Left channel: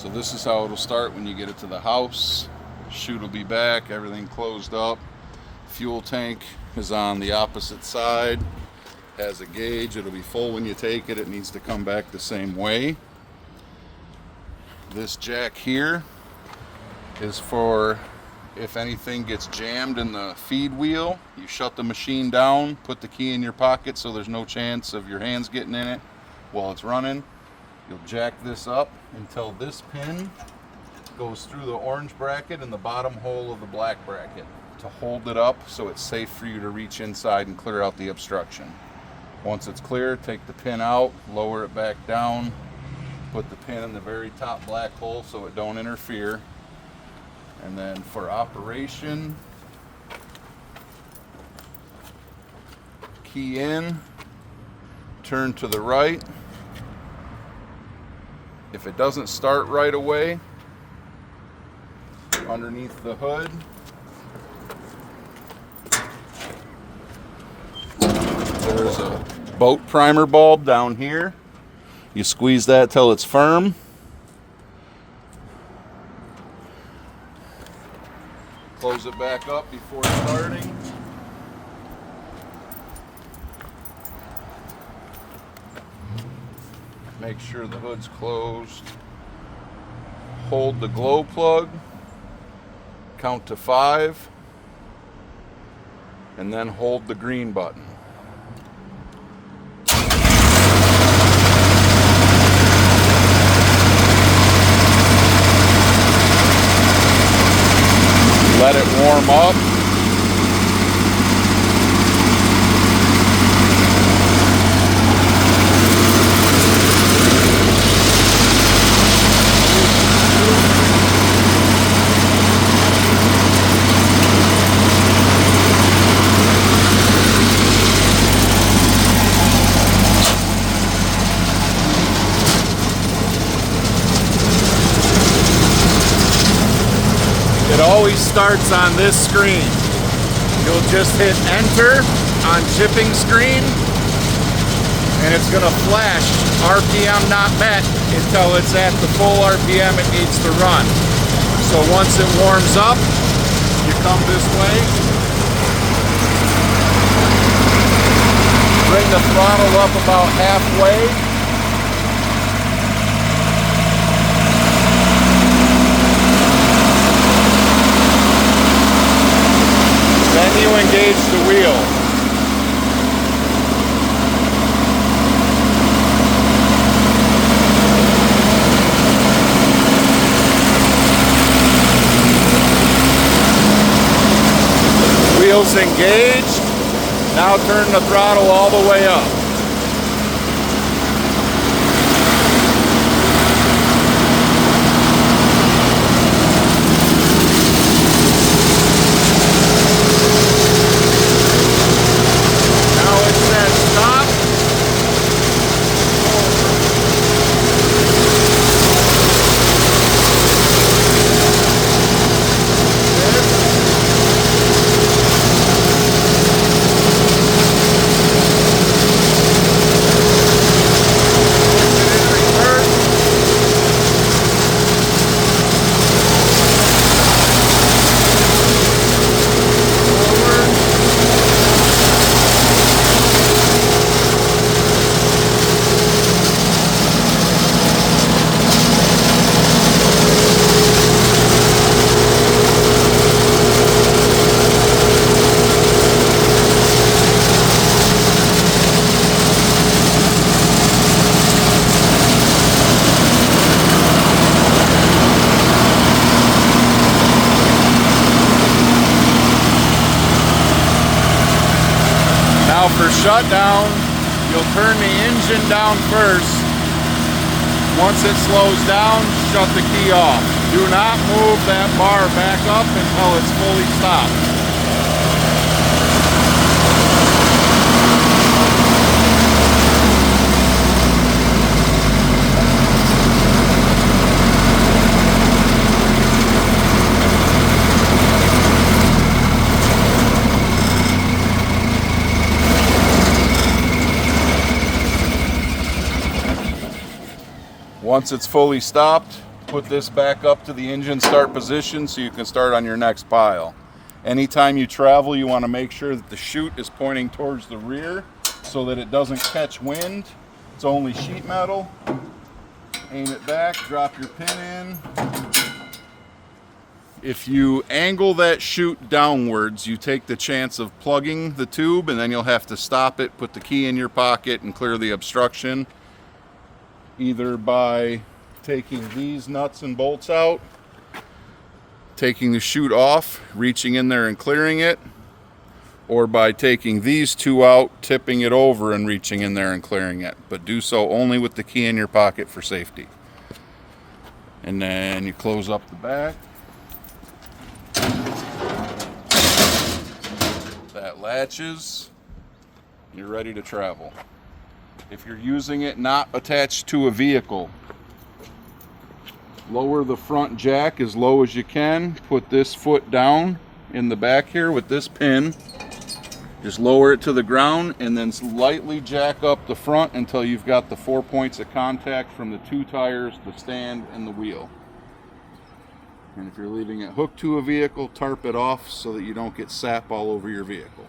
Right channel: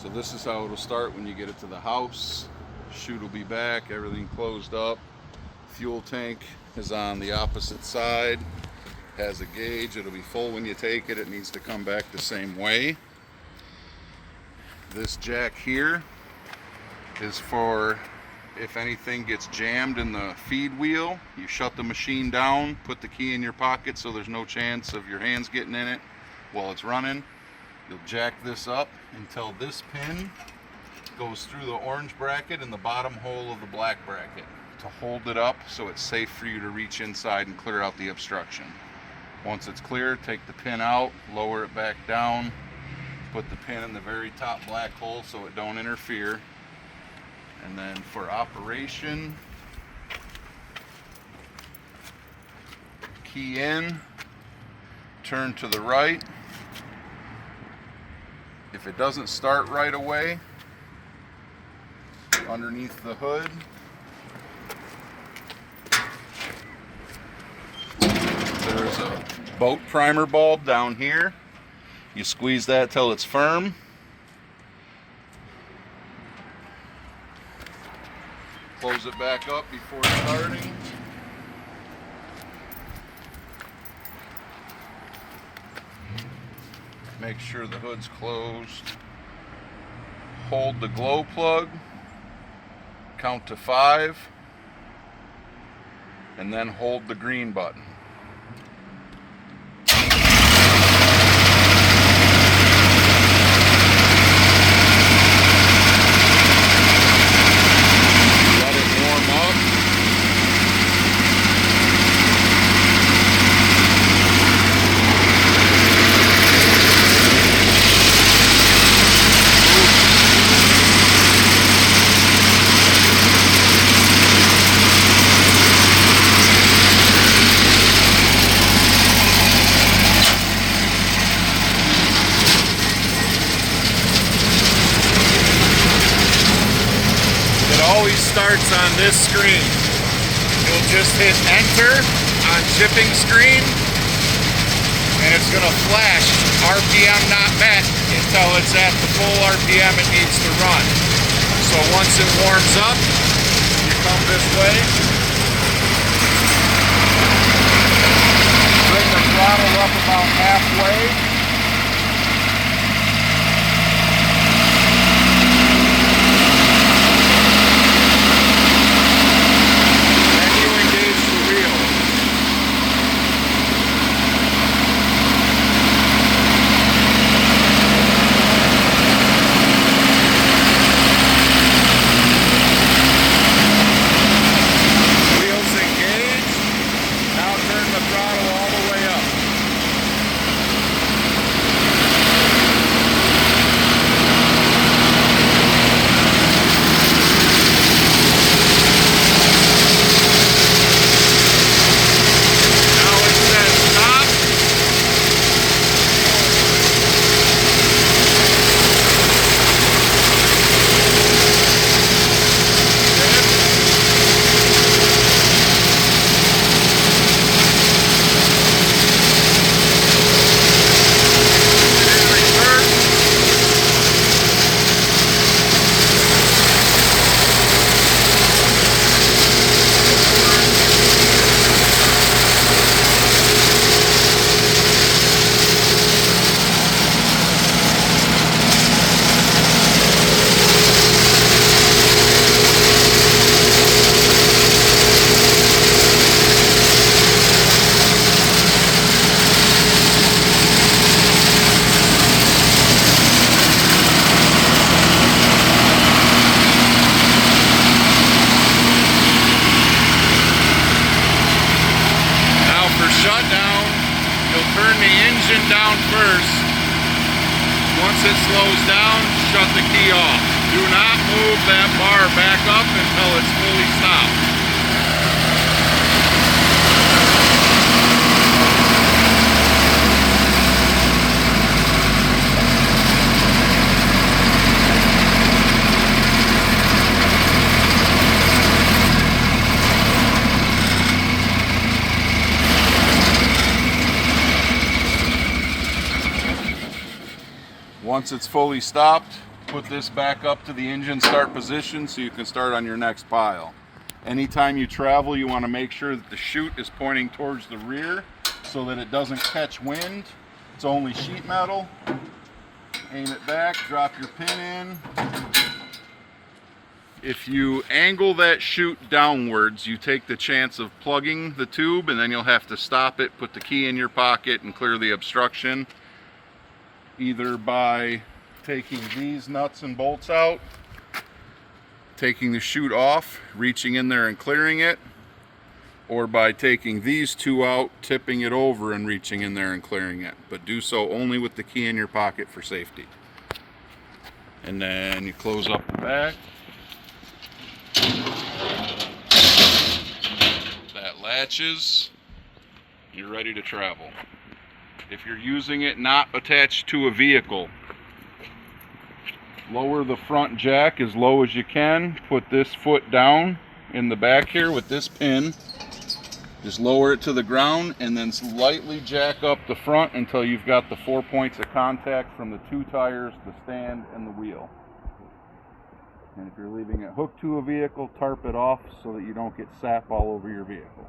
So this is how it'll start when you get it to the house. Chute will be back, everything closed up. Fuel tank is on the opposite side. Has a gauge, it'll be full when you take it. It needs to come back the same way. This jack here is for if anything gets jammed in the feed wheel, you shut the machine down, put the key in your pocket so there's no chance of your hands getting in it while it's running. You'll jack this up until this pin goes through the orange bracket and the bottom hole of the black bracket to hold it up so it's safe for you to reach inside and clear out the obstruction. Once it's clear, take the pin out, lower it back down, put the pin in the very top black hole so it don't interfere. And then for operation, key in, turn to the right. If it doesn't start right away, underneath the hood, there's a boat primer bulb down here. You squeeze that till it's firm. Close it back up before starting. Make sure the hood's closed. Hold the glow plug. Count to 5. And then hold the green button. Let it warm up. Always starts on this screen. You'll just hit enter on shipping screen and it's going to flash RPM not met until it's at the full RPM it needs to run. So once it warms up, you come this way, bring the throttle up about halfway. Engage the wheel. Wheels engaged. Now turn the throttle all the way up. Shutdown, you'll turn the engine down first. Once it slows down, shut the key off. Do not move that bar back up until it's fully stopped. Once it's fully stopped, Put this back up to the engine start position so you can start on your next pile. Anytime you travel, you want to make sure that the chute is pointing towards the rear so that it doesn't catch wind. It's only sheet metal. Aim it back, drop your pin in. If you angle that chute downwards, you take the chance of plugging the tube, and then you'll have to stop it, put the key in your pocket, and clear the obstruction, either by taking these nuts and bolts out, taking the chute off, reaching in there and clearing it, or by taking these two out, tipping it over and reaching in there and clearing it. But do so only with the key in your pocket for safety. And then you close up the back. That latches. You're ready to travel. If you're using it not attached to a vehicle, lower the front jack as low as you can. Put this foot down in the back here with this pin. Just lower it to the ground and then lightly jack up the front until you've got the 4 points of contact from the two tires, the stand, and the wheel. And if you're leaving it hooked to a vehicle, tarp it off so that you don't get sap all over your vehicle.